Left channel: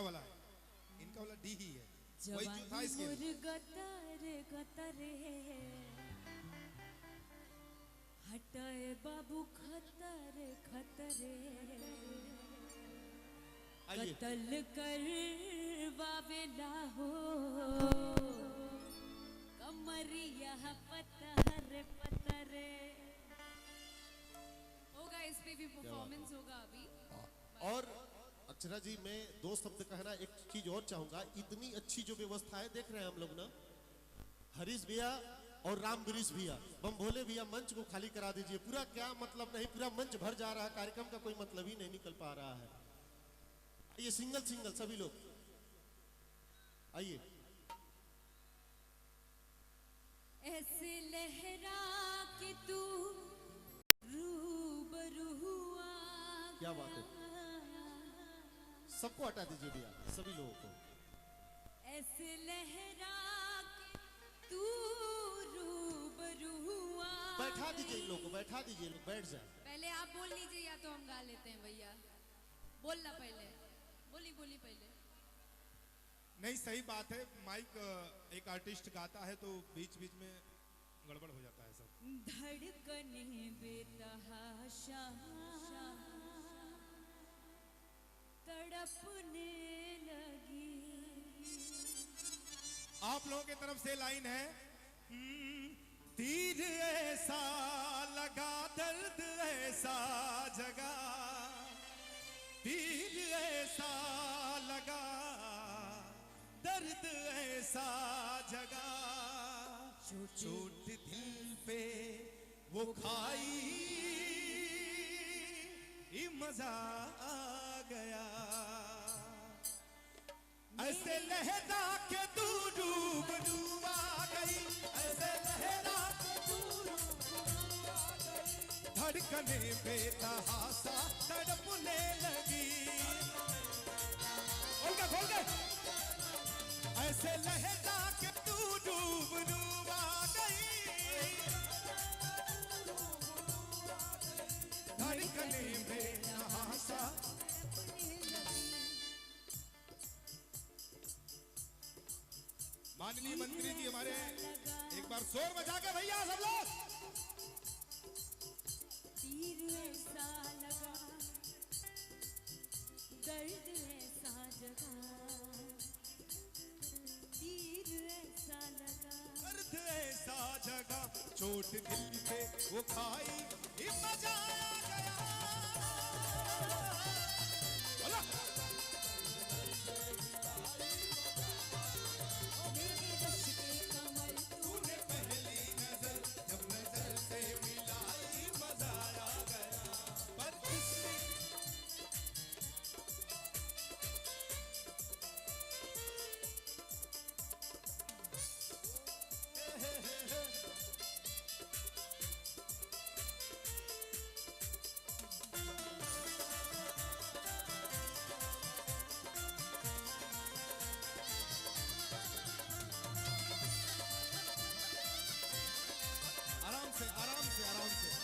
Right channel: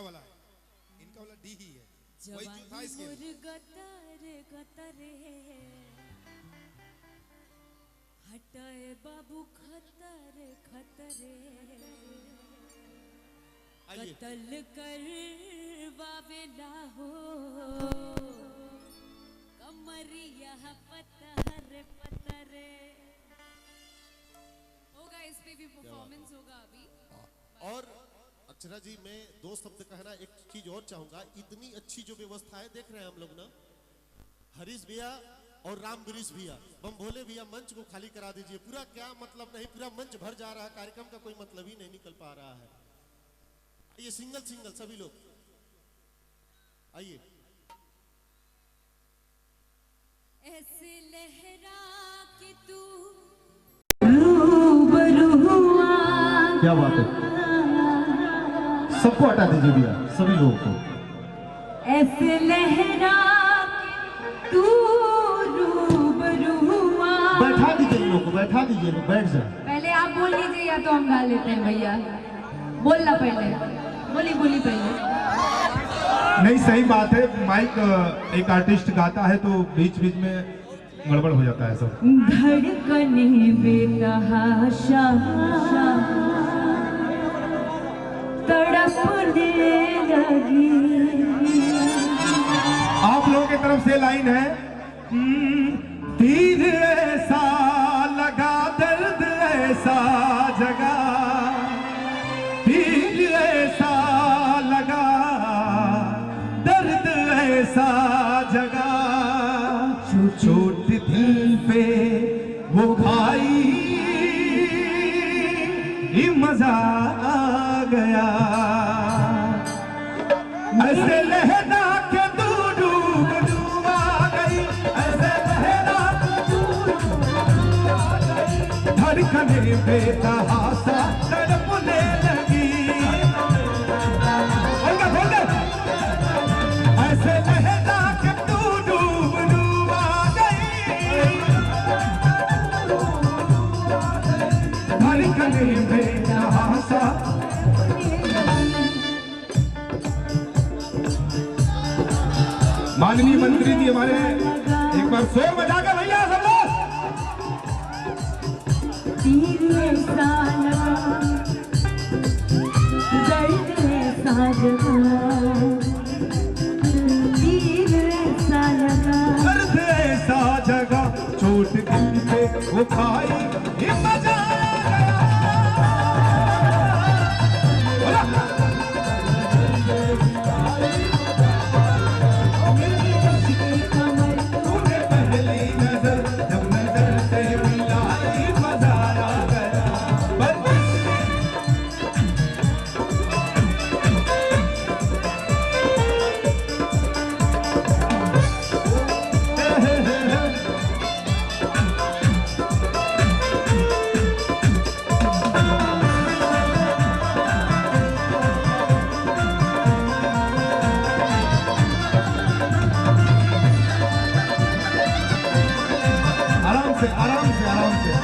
इनका वाला है, इनका वाला डी ही है, वही जो था इसके। हटाए बाबू खतर खतरे, कत्ल करवावेला हो कमरिया पतहर पतरे। होगा इस पे भी परफॉर्मेंस होगा अभी। और अक्षरा जी, मैं दो शब्द कहना, एक चीज और चाहूंगा, इतनी अच्छी जो व्यवस्था है देख रहे हैं हम लोग ना, हरीश भैया और राम गिरीश भैया, बम भोले भैया, मंच को खाली करा दीजिए। पूरा क्या मतलब नहीं, पूरा मंच भर जा रहा है, कार्यक्रम का कोई मतलब ही नहीं निकल पा रहा है। आइए सिंगल सिंगल सभी लोग आइए। ऐसे लहरा के तू क्या बात है, सबको हटा दीजिए भैया, सभी लोगों को। ऐसे लहरा तू बैठा दीजिए इन लोगों को, बैठा दीजिए, लोग बैठ जाए। पहले आप बोल लीजिए या तो हम गा लेते हैं भैया। बोलना पहले, बोली पहले। नहीं, सही बात है, माइक एक आर्टिस्ट गाता है तो बीच बीच में गड़बड़ हो जाता है सब। धड़कने बेतहाशा तड़पने लगी। आप लोगों की तरफ से लाइन है, तीर ऐसा लगा, दर्द ऐसा जगा, तीर ऐसा लगा, दर्द ऐसा जगा, चोट दिल पे वो खाई, मजा आ गया। ऐसे लहरा के तू डूब आ गई, ऐसे लहरा के तू डूब आ गई, धड़कने बेतहाशा तड़पने लगी। ऐसे लहरा के तू डूब आ गई, धड़कने बेतहाशा। माननीय मंत्री जी हमारे, एक बार शोर बजा के भैया सब लोग। तीर ऐसा लगा, दर्द ऐसा जगा, तीर ऐसा लगा, दर्द ऐसा जगा, चोट दिल पे वो खाई, मजा आ गया। आराम से आराम से।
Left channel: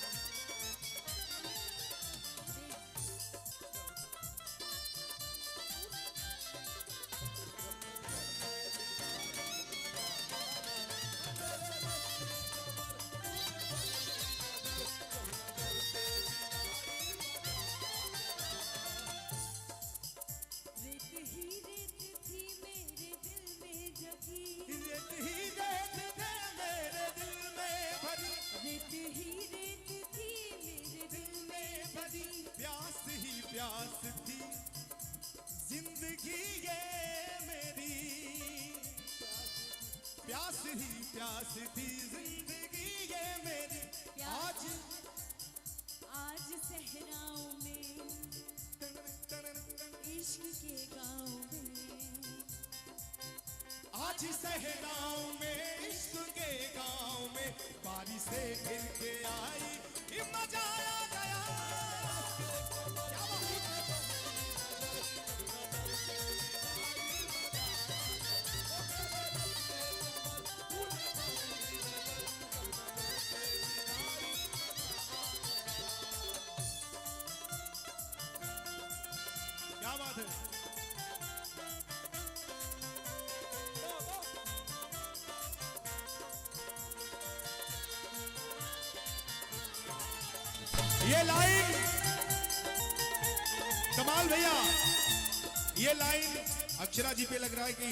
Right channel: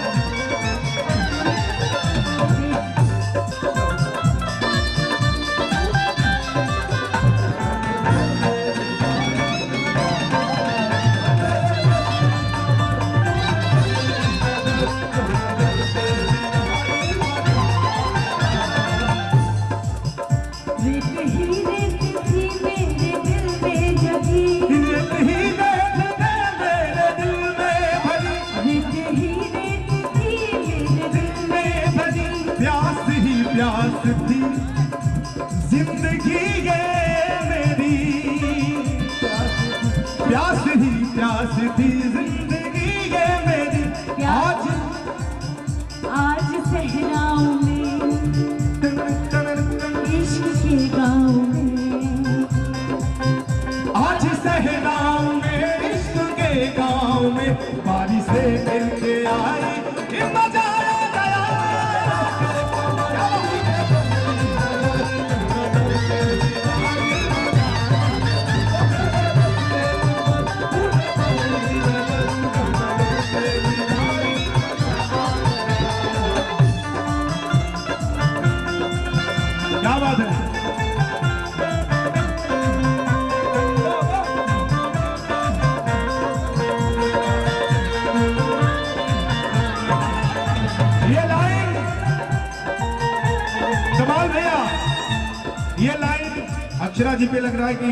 प्यास थी जिंदगी ये मेरी, प्यास ही प्यास थी जिंदगी ये मेरी। आज आज सहराओं में, इश्क के गाँव में, आज सहराओं में, इश्क के गाँव में, बारिशें गिरते आई, मजा आ गया। क्या बात है। और भैया ये लाइन अक्षरा जी पे लग रहा है कि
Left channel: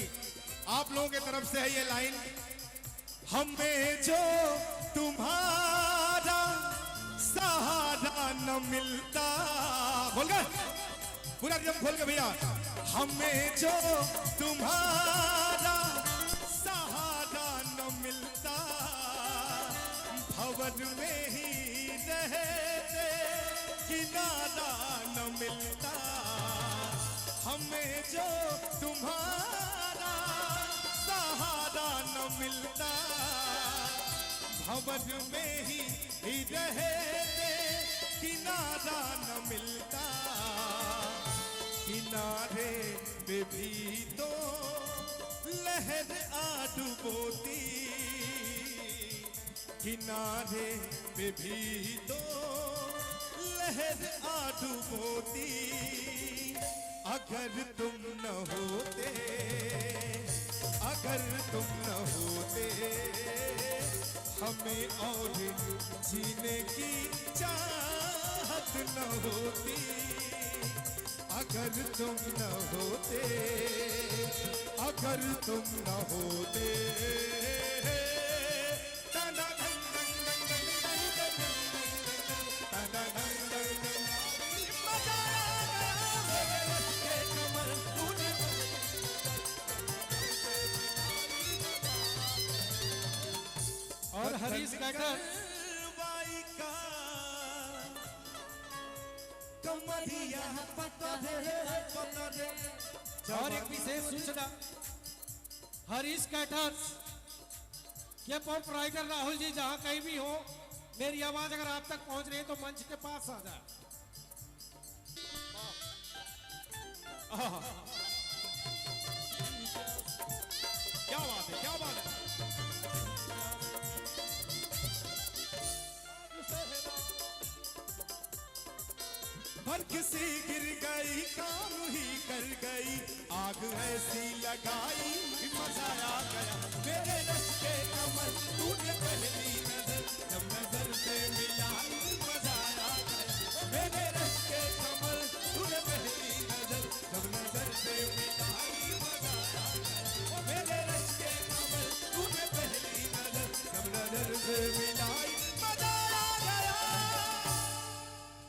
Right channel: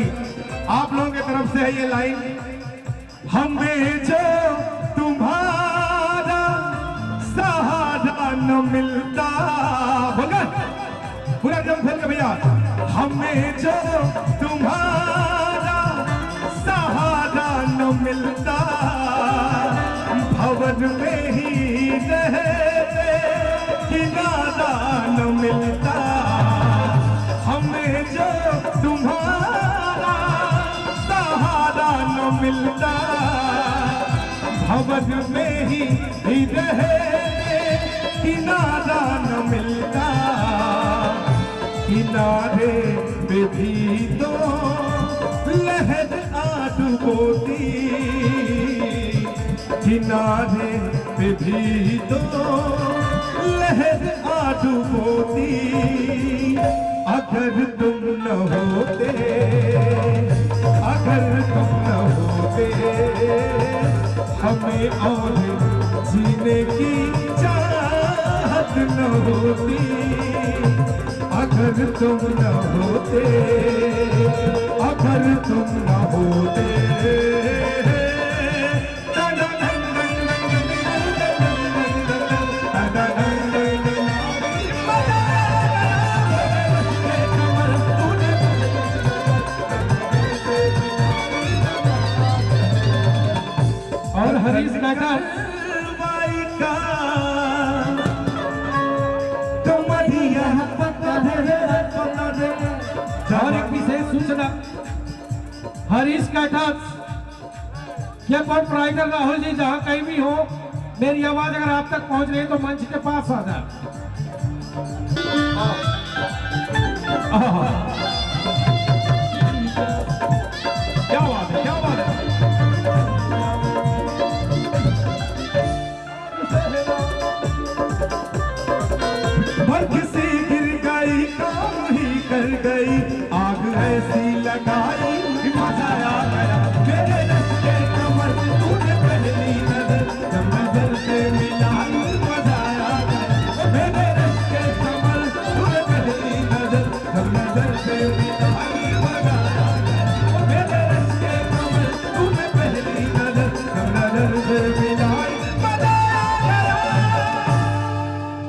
आप लोगों की तरफ से है ये लाइन। हमें जो तुम्हारा सहारा न मिलता, बोलकर पूरा जम खोल के भैया। हमें जो तुम्हारा सहारा न मिलता, भवन में ही रहते किनारा न मिलता। हमें जो तुम्हारा सहारा न मिलता, भवन में ही रहते किनारा न मिलता। किनारे पे भी तो लहर आ डुबोती, किनारे पे भी तो लहर आ डुबोती। अगर तुम न होते, अगर तुम न होते, हमें और जीने की चाहत न होती। अगर तुम न होते, अगर तुम न होते। और हरीश नागर और एक विशेष सूचना, हरीश कैठर ये प्रोपराइटर राहुल जी जहाँ कहीं भी हो, मेरी आवाज अगर आप तक पहुंच रही है तो मंच के पास आ जाए। क्या बात है, क्या बात है। वर्ग से